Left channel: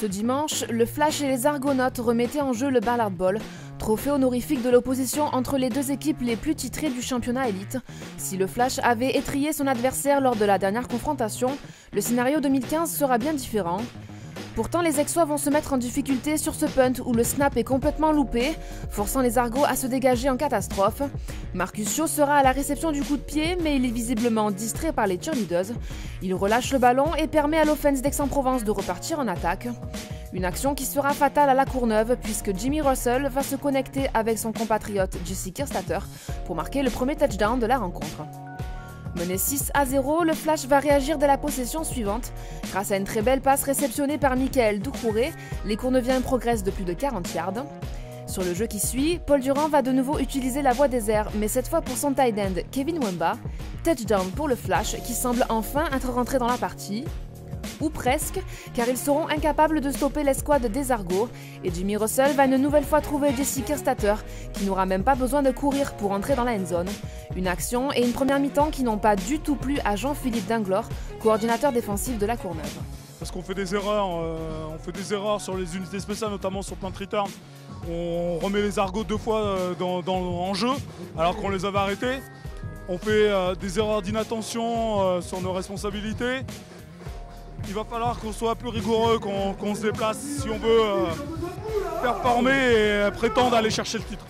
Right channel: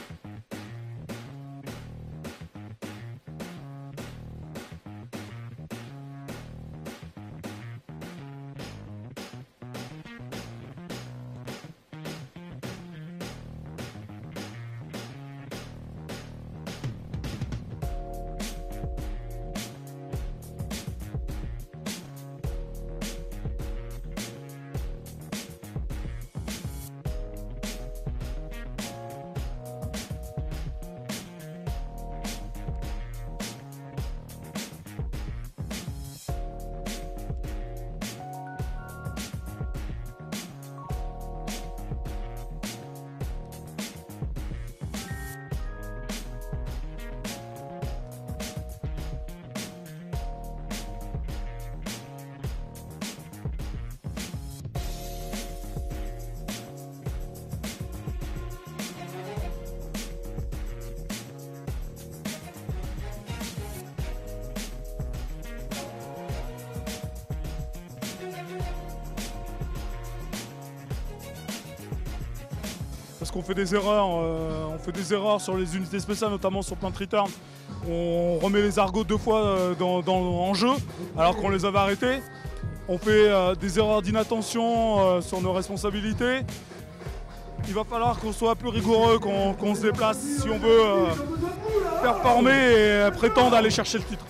Ce dimanche, le Flash et les Argonautes remettaient en jeu le Ballard Bowl, trophée honorifique de l'opposition entre les deux équipes les plus titrées du championnat élite. Si le Flash avait étrillé son adversaire lors de la dernière confrontation, le scénario 2015 sera bien différent. Pourtant, les Aixois vont se mettre en difficulté sur ce punt où le snap est complètement loupé, forçant les Argos à se dégager en catastrophe. Marcus Shaw sera à la réception du coup de pied, mais il est visiblement distrait par les cheerleaders. Il relâche le ballon et permet à l'offense d'Aix-en-Provence de repartir en attaque. Une action qui sera fatale à la Courneuve puisque Jimmy Russell va se connecter avec son compatriote Jesse Kirstater pour marquer le premier touchdown de la rencontre. Mené 6-0, le Flash va réagir dès la possession suivante. Grâce à une très belle passe réceptionnée par Michael Doucouré, les Courneviens progressent de plus de 40 yards. Sur le jeu qui suit, Paul Durand va de nouveau utiliser la voie des airs, mais cette fois pour son tight end Kevin Wemba. Touchdown pour le Flash qui semble enfin être rentré dans la partie. Ou presque, car ils seront incapables de stopper l'escouade des Argos, et Jimmy Russell va une nouvelle fois trouver Jesse Kirstater, qui n'aura même pas besoin de courir pour entrer dans la end zone. Une action et une première mi-temps qui n'ont pas du tout plu à Jean-Philippe Dinglor, coordinateur défensif de la Courneuve. Parce qu'on fait des erreurs, sur les unités spéciales, notamment sur punt return. On remet les Argos deux fois en jeu, alors qu'on les avait arrêtés. On fait des erreurs d'inattention sur nos responsabilités. Il va falloir qu'on soit plus rigoureux, qu'on se déplace si on veut performer et prétendre aller chercher le titre.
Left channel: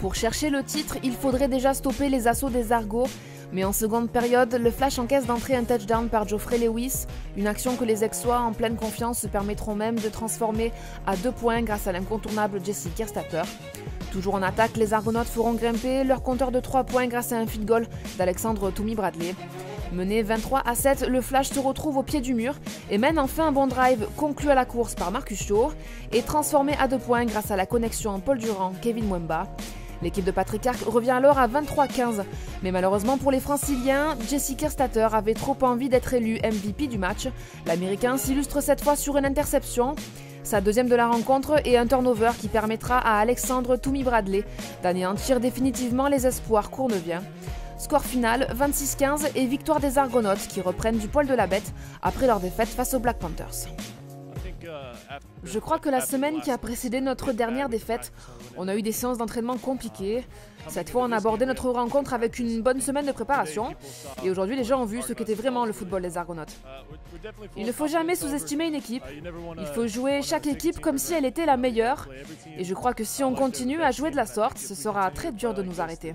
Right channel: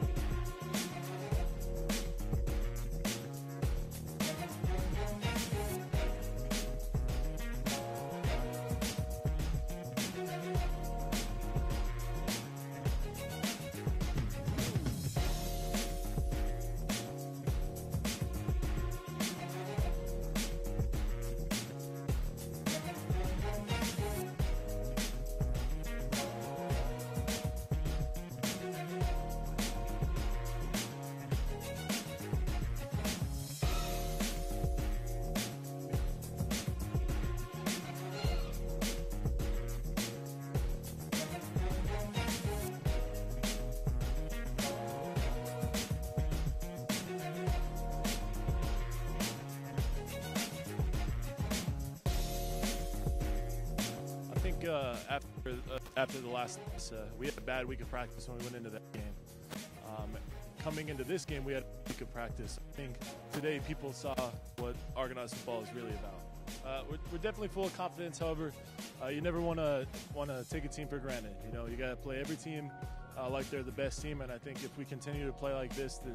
Pour chercher le titre, il faudrait déjà stopper les assauts des Argos. Mais en seconde période, le Flash encaisse d'entrée un touchdown par Geoffrey Lewis, une action que les Aixois en pleine confiance se permettront même de transformer à 2 points grâce à l'incontournable Jesse Kirstater. Toujours en attaque, les Argonautes feront grimper leur compteur de 3 points grâce à un field goal d'Alexandre Toumi Bradley. Mené 23-7, le Flash se retrouve au pied du mur et mène enfin un bon drive conclu à la course par Marcus Shaw et transformé à 2 points grâce à la connexion Paul Durand-Kevin Wemba. L'équipe de Patrick Arc revient alors à 23-15, mais malheureusement pour les Franciliens, Jesse Kirstater avait trop envie d'être élu MVP du match. L'Américain s'illustre cette fois sur une interception, sa deuxième de la rencontre et un turnover qui permettra à Alexandre Toumi Bradley d'anéantir définitivement les espoirs courneviens. Score final 26-15 et victoire des Argonautes qui reprennent du poil de la bête après leur défaite face aux Black Panthers. Je crois que la semaine qui a précédé notre dernière défaite, on a eu des séances d'entraînement compliquées. Cette fois, on a abordé notre rencontre avec une bonne semaine de préparation. Et aujourd'hui, les gens ont vu ce qu'était vraiment le football des Argonautes. Il ne faut jamais sous-estimer une équipe. Il faut jouer chaque équipe comme si elle était la meilleure. Et je crois que si on continue à jouer de la sorte, ce sera très dur de nous arrêter.